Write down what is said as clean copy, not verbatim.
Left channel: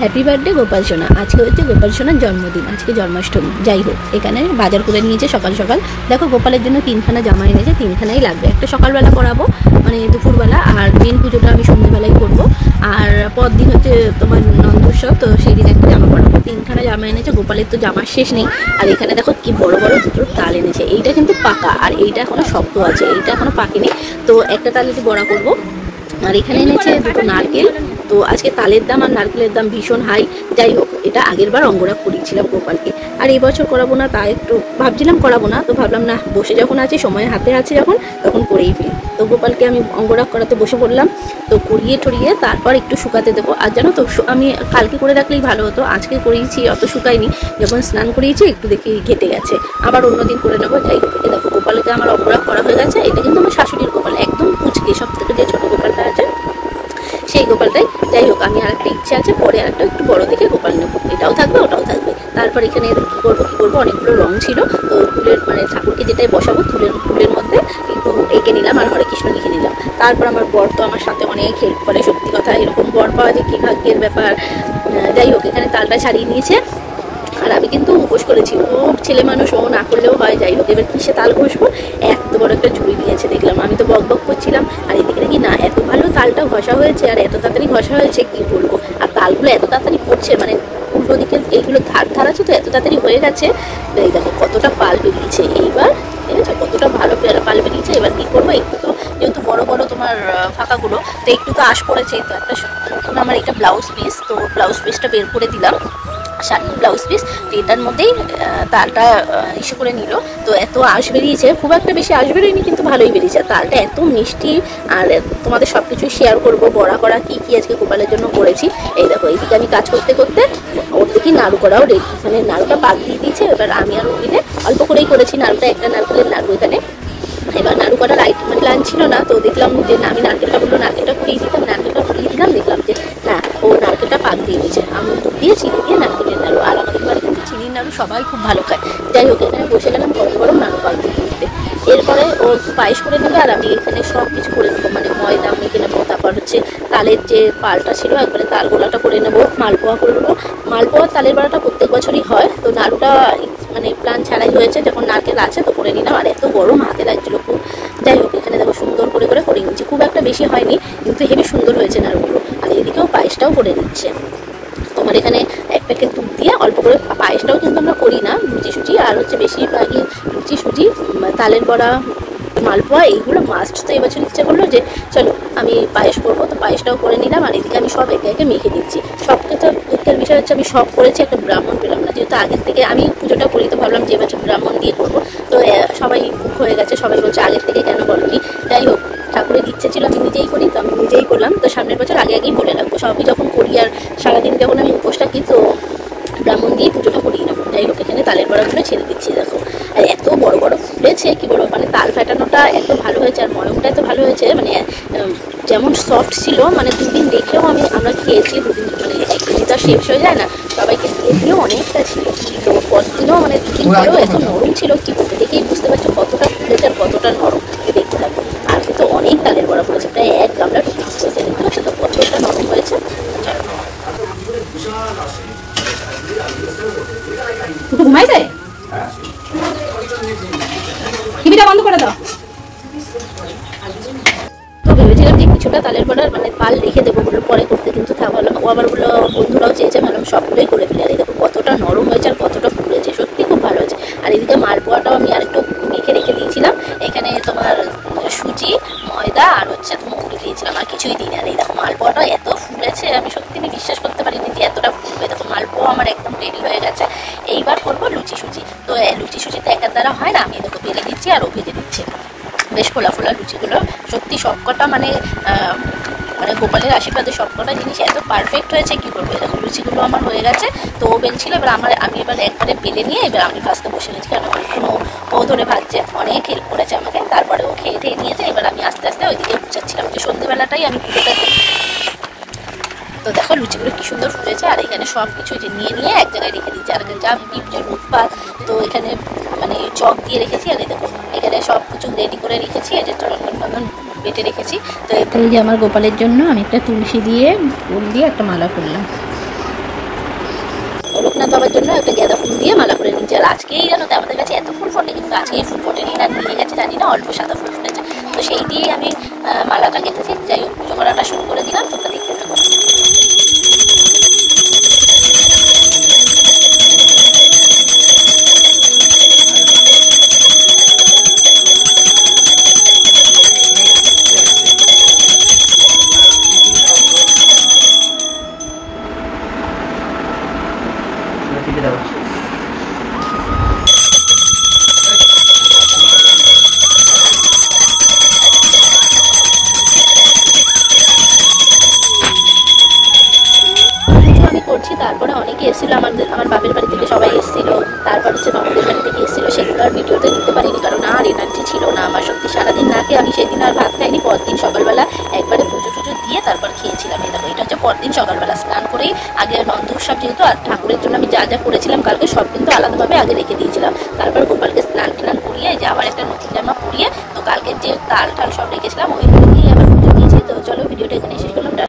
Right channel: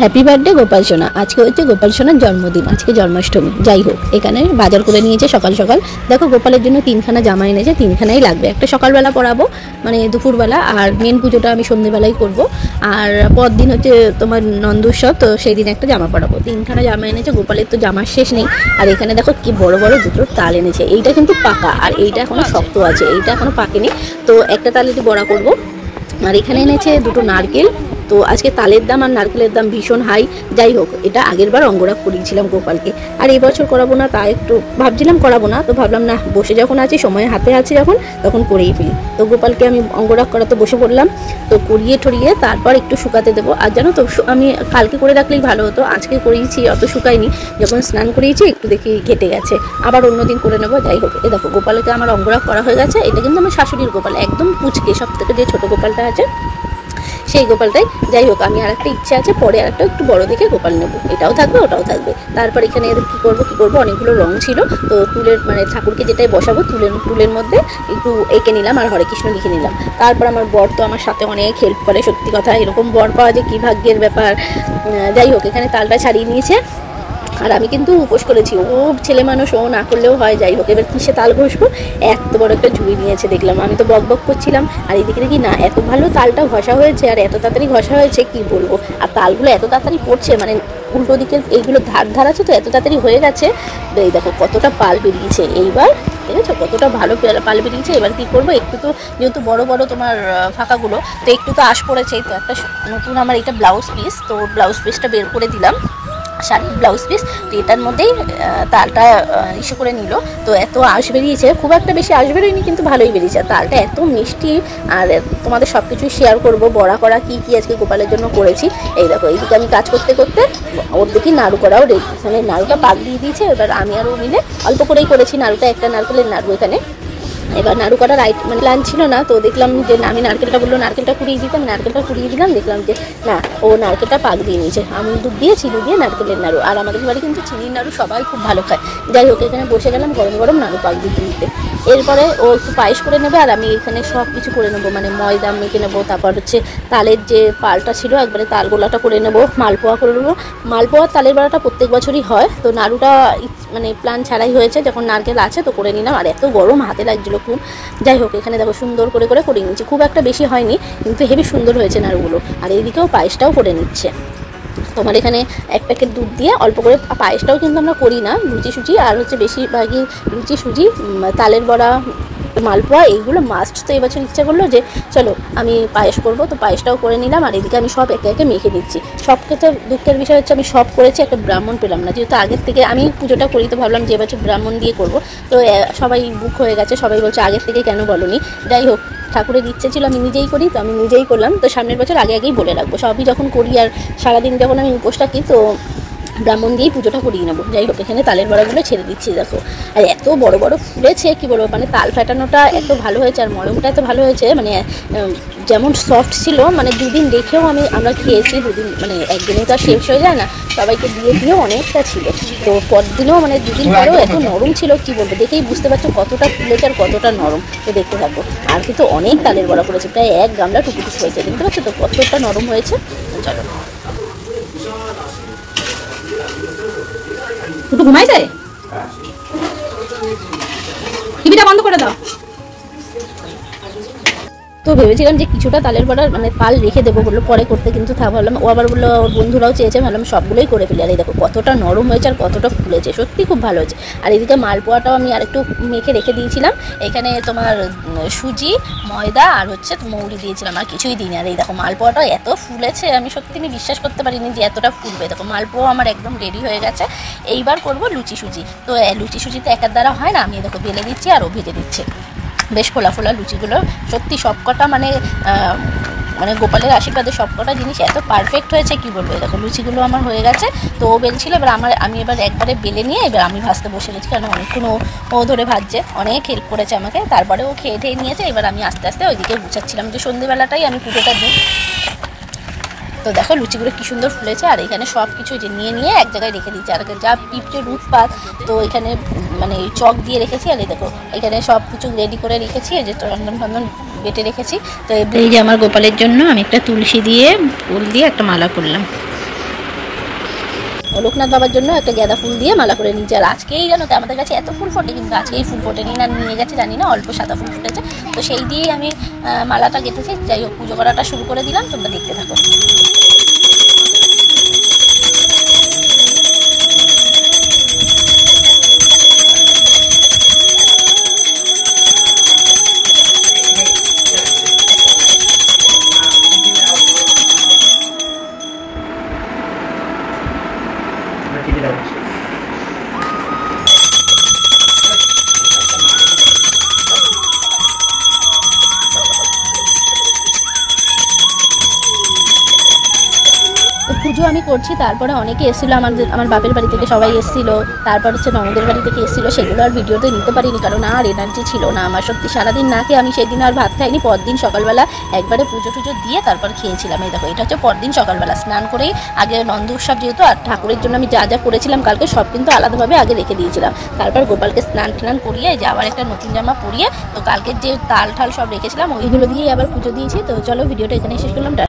Happy birthday Gopal সোনা। আজকে হচ্ছে গোপাল সোনার জন্মদিন, আজকে জন্মাষ্টমী। যাই হোক, এখানে বাজার করে নিয়েছে সকাল সকাল। দেখো, গোপালের জন্য 3খানা জামা এনেছে, 3খানাই লাগবে। একটা সকালবেলা পরাবো, মানে দুপুরবেলা, আর মেন পুজোটা আমি সন্ধ্যেবেলায় করব। আর পরদিন হচ্ছে তোমার নন্দোৎসব, তো সেই দিন একটা জামা পরাবো। 3খানা জামা এনেছে, গোপালের তো জামার শেষ নেই। আর এখানে দেখো কি বড় বড় দুটো তাল এনেছে। এইটা কিন্তু পাকা, আর এইটা এখনো শক্ত আছে, এইটা এখনো পাকেনি। তো একটা তাল একটু বড়া করবো। আর এখানে এনেছে দুটো নারকেল। তো আজকে তালের দাম আর নারকেলের দাম ভীষণ হাই। যাই হোক, এটা আগের বার অঙ্গরাগ করিয়েছিলাম গোপালকে, আর এই বছর করাবো না। তা একটু ভাবছিলাম করাবো না, তো ভাবলাম না, বসে যখন আছি, সময় হাতে আছে যখন, তখন করেই ফেলি। তো গোপালকে আমি অঙ্গরাগ করাতে বসে পড়লাম। তো করিয়ে ঠরিয়ে তারপর একটু শুকাতে দেবো। আর জানো তো, আমি কালকে করে রাখলেই ভালো হতো, আজকে করিয়েছি, অত শুকায়নি। যখন স্নান করিয়েছি একটু দেখি ঘেটে গেছে, আবার অন্যদিন করে নেবো। যাই হোক, এ দেখো গোপালকে আমার অঙ্গরাগ করা হয়ে গেছে। এটা কিন্তু আমার শাশুড়ির গোপাল, একদম কুচকে, সব থেকে যে ছোটো গোপালটা আছে সেই গোপালটাই। যাই হোক, আমি আরেকটা ইচ্ছা আছে, পরে আরেকটা একটু বড় দেখে গোপাল নেবো। এটাও থাকবে, ওটাও থাকবে। তারপর এখানে কী করবো, অনেকগুলো রং ছিল। তো তুলের, মানে ঠাকুরকে যেটাই বসাবো, তুলের মধ্যে একটু এঁকে নিলাম আর হরে কৃষ্ণ লিখে নিলাম। তারপর আমার বর তো আমার সাথে অনেক হেল্প করে, সত্যি কথা, এরকম বর পাওয়া যে কী ভাগ্যের ব্যাপার। যাই হোক, এখানে তালটা ছাড়িয়ে নিয়েছে। আর আমি কিন্তু উপোস করেছি, ও ছেলে মানুষ, ও না করলেও হয়। যাই হোক, এবার কিসে তাল ঘষবো, এত বড় একটা ঝুড়ি নিয়েছে দেখলাম। আমি তো বক বক করছিলাম, আর এদিকে দেখি না, এত ভালো তালটা ঘষা হয়েছে, আর এত তাড়াতাড়ি ঘষা হয়েছে কি বলবো। আর তালগুলো এত তাড়াতাড়ি পড়ছে, মানে উল্টো দিকে এইগুলো ধার আছে, তো এত তাড়াতাড়ি হয়ে গেছে। তো এই দেখো কতটা পাল বেরিয়েছে এইবার, ঠিক আছে, কতটা ভালো পাল বেরিয়েছে। এবার কি করবো, একটু তো যেহেতু বড় বড় তোমার ফাঁকাগুলো, তো একটু তো আশ পড়েছে। তো একটা নতুন আমার এটা ব্লাউজ পিস, তো ব্লাউজ পিসটা বের করে দিলাম, শাড়ির ব্লাউজ পিস। তো এটার মধ্যেই তালটা ইস্যু করে নিল। তো এত আঁশ বেরিয়েছে, খুব একটা বেশি আঁশ বেরোয়নি, কিন্তু ভালোই বেরিয়েছে। তালটা এত মিষ্টি। আর তোমাদের সব কিছুই শেয়ার করবো, বড়া করা কী কী আজকে গোপালের জন্য করেছি। এই দেখো, এইদিকে আমি কাজ করতে করতে ওর দেখি নাড়ু করাও রেডি, মানে নাড়ুটা পাক দিয়ে দিয়েছে। এবার আমি আর ও মিলে অল্প করেই করেছি নাড়ুটা, একটা নারকেলের নাড়ু এখানে। এবার নাড়ু করার মানে প্ল্যান ছিল না, তো দেখলাম যে আমি নারকেলটা বললো নারকেলটা কুড়িয়ে দিতাম, নারকেলটা কুড়িয়ে দিলাম, দেখলাম যে না, ও নারকেলটা পাক দিয়ে নিয়েছে। আমি দুধ দিয়ে, চিনি দিয়ে নারকেলের নাড়ু। আর আমাদের বাড়ি কিন্তু চিনির নাড়ু সবাই খুব ভালো খায়। যাই হোক, এখানে বসে গেলাম গরম গরম নাড়ু পাক দিয়ে কিনতে। এরপরে ও একটু পায়েস করে নেবে, আর আমি এখানে সব কিছু করে নেবো, মানে ময়দা মেখে নেবো। তারপর হচ্ছে তালের যে পালটা ছিল, একবারে তাল গোলাটা করে নেবো, মালপোয়া করে নেবো। মালপোয়া তালের বড়াটা প্রত্যেক বছরই হয়, তো নাড়ুটা মানে প্ল্যান ছাড়াই হয়েছে, যখন নারকেল আছে তো করে নিলাম। আর এত গরম, হাতে লাগছিল খুব। যাই হোক, এখানে দেখো সুন্দর করে করে নিয়েছি, খুব একটা বেশি হয়নি, কিন্তু হেবি সুন্দর হয়েছে নাড়ুগুলো। আর এইদিকেও পায়েসটাও করে নিচ্ছে। তোমার এখানে এক প্যাকেট দুধ দিয়ে অল্প করে, পায়েসটাও কিন্তু আমরা করি না, লুচি সুজি আর হচ্ছে বেশিরভাগই লুচি সুজি, তালের বড়া, মালপোয়া, এইগুলো মাস্ট। তো এবছর ইচ্ছা করলো যে চলো আমি পায়েস করবো, তো পায়েসটাও করে নিলাম। আর এদিকে আমি সব একে একে মেখে দিচ্ছি। সবকে তো দুঃখের বিষয় হচ্ছে আমি সব করেছি, একটা ব্রাহ্মণ পেলাম না, যেহেতু আগের থেকে আমি পুজোটা করি, তো ভাবলাম যে এবছর ব্রাহ্মণ দিয়ে করবো। তো সবাই বুক হয়ে গেছে, সবাই বলছে আগের থেকে কেন বলোনি। যাই হোক, ঠাকুরের ইচ্ছে ছিল আমি নিজেই করি, তো আমি নিজেই করলাম। তো সামনের বছর আগেই বলে রাখবো, সবই যখন করি আর সারাদিন যখন আমি উপোস থাকি, তো ব্রাহ্মণ দিয়ে পুজোটা করিয়ে নেবো। যাই হোক, এখানে তালের বড়াগুলো ছেড়ে দিচ্ছি দেখো। আর এত বড় বড় ফুলেছে, কি বলবো, মানে তাল ফাটানোটা এত ভালো হয়েছে, আর মরমটা এত ভালো হয়েছে, মানে যেমন সফট ছিল, মানে দুদিন দেখেও আমরা খেয়েছি, দুদিন, মানে একদিনে তো শেষ হয়ে যায় না, সবাইকে দিয়েও অনেকটা ছিল। তো পরদিনও, মানে দুদিন পরেও এত নরম ছিল, কি বলবো, দেখেই বুঝতে পারছো কতটা ফুলেছে আর কতটা নরম। তো দেখতে থাকবো। আর কিন্তু অনেক তালের বড়া করেছে, প্রায় 1 গামলা টুকুটুক হয়েছে, দেখতে পাচ্ছ তো কতটা নরম হয়েছে। ঘুমাইছে, টিভিটা বন্ধ করে দাও। তো ভেবেছিলাম যে কিছুটা তালের বড়ার মানে পাল রেখে দেবো, বললো পরে করতে, কিন্তু ভাবলাম, ও আবার বললো বন্ধুরাও চেয়েছে, ভাবলাম সবগুলোই করে ফেলে। আর এই দেখো কতটা নরম হয়েছে আর কতটা ফুলেছে, সত্যি খুব ভালো হয়েছে। আর এদিকে মালপোয়াটাও আমি আরেকটু মেখে রেখে দিয়েছিলাম। এখানে তোমার সুজি, ময়দা আর হচ্ছে মৌরি দিয়েছিলাম, আর কিছুই দিইনি। আর এই দেখো মালপোয়াটা এত ফুলেছে, আমি সত্যি বিশ্বাস করতে পারিনি যে এতটা ফুলবে। দেখো মালপোয়া আমার একদম রেডি হয়ে গেছে। এইবার করবো লুচি সুজি। তো লুচি সুজি তো একার দ্বারা হয় না, আমি দেখো বেলে দিচ্ছি আর ও ভেজে দিচ্ছে। বেশ ফোলা ফোলা লুচিগুলো, সত্যি সবকটা মানে গোপালের আশীর্বাদে সবকটা জিনিস এত পারফেক্ট হয়েছে, কি বলবো। দেখো লুচিগুলো আমার হয়ে গেছে, তো ও বেলছিল, এবার আমি এবার একবারে বেলে নিয়ে এবার আমি ভাজতে বসে গেছি, কারণ অনেকক্ষণ ও ধরে ভাজছে, অনেক হেল্প করেছে আমাকে। তারপরে ও খেয়ে ঠেয়ে নিয়েছে, এবার আমি আস্তে আস্তে ওইদিকে গুছাচ্ছিলাম, যে সন্ধ্যেবেলাটাই আমি পুজোটা দিই। তো দেখো লুচিগুলো কি সুন্দর ফুলেছে। আর এখানে সব কিছু নিয়ে এক জায়গায় রেখে দিচ্ছি। আর যা পিঁপড়ের উৎপাত, তো এখানে মানে চক দিয়ে রেখেছি। আর দেখো এখানে সব কিছু রেডি করে রেখেছি, এই যে রন্ধন বেটে রেখেছি। তো এই যে আমার গোপালের জন্য আমি একটা তুলসী দিয়ে ফুল দিয়ে একটা মালা করলাম। লোকনাথ বাবার জন্য একটা গাঁদা ফুল দিয়ে মালা করে নিয়েছি। আর আজকেই জানো তো আমাদের কাছে এত ফুল ফোটে, কিন্তু আজকেই ফুল ফোটেনি, না নিয়ে গেছে জানি না, অল্প সাদা ফুল ফুটেছে। তো সেই দিয়েই আমি মালাটা কেটেছি। যাই হোক, পুজো করাটা শুরু করে দিলাম, তোমরা দেখতে থাকো। পুজো আমি করছি, তারপরে অনেকে এসেছিল, আমার বাপের বাড়ি থেকে সবাই এসেছিল, তারপর হচ্ছে ননদের বাড়ি থেকে এসেছিল। সেগুলো আর ভিডিওতে নিতে পারিনি, কারণ আর এনার্জি ছিল না আমার। সত্যি সারাদিন না খেয়ে আমি সেদিন আর ভাত খাইনি। পরদিন সকালবেলা একবারে পুজো টুজো দিয়ে তারপর খেয়েছিলাম। এই দেখো, এটা হচ্ছে পরদিন সকালবেলা স্নান করেই আগে নন্দ উৎসব যেহেতু, আর ঠাকুরের জন্য আমি যা যা করেছিলাম কালকে সব কিন্তু আলাদাভাবে আগে রেখে দিয়েছিলাম। তারপর গোপালকে স্নান টান করিয়ে যে আবার একটা নতুন জামা পরিয়ে, তো কালকে যে তাল ঠাল সব রেখেছিলাম ওইগুলো দিয়ে আবার পুজো দিয়েছি। তো চলো ভিডিওটা এখানে শেষ করলাম।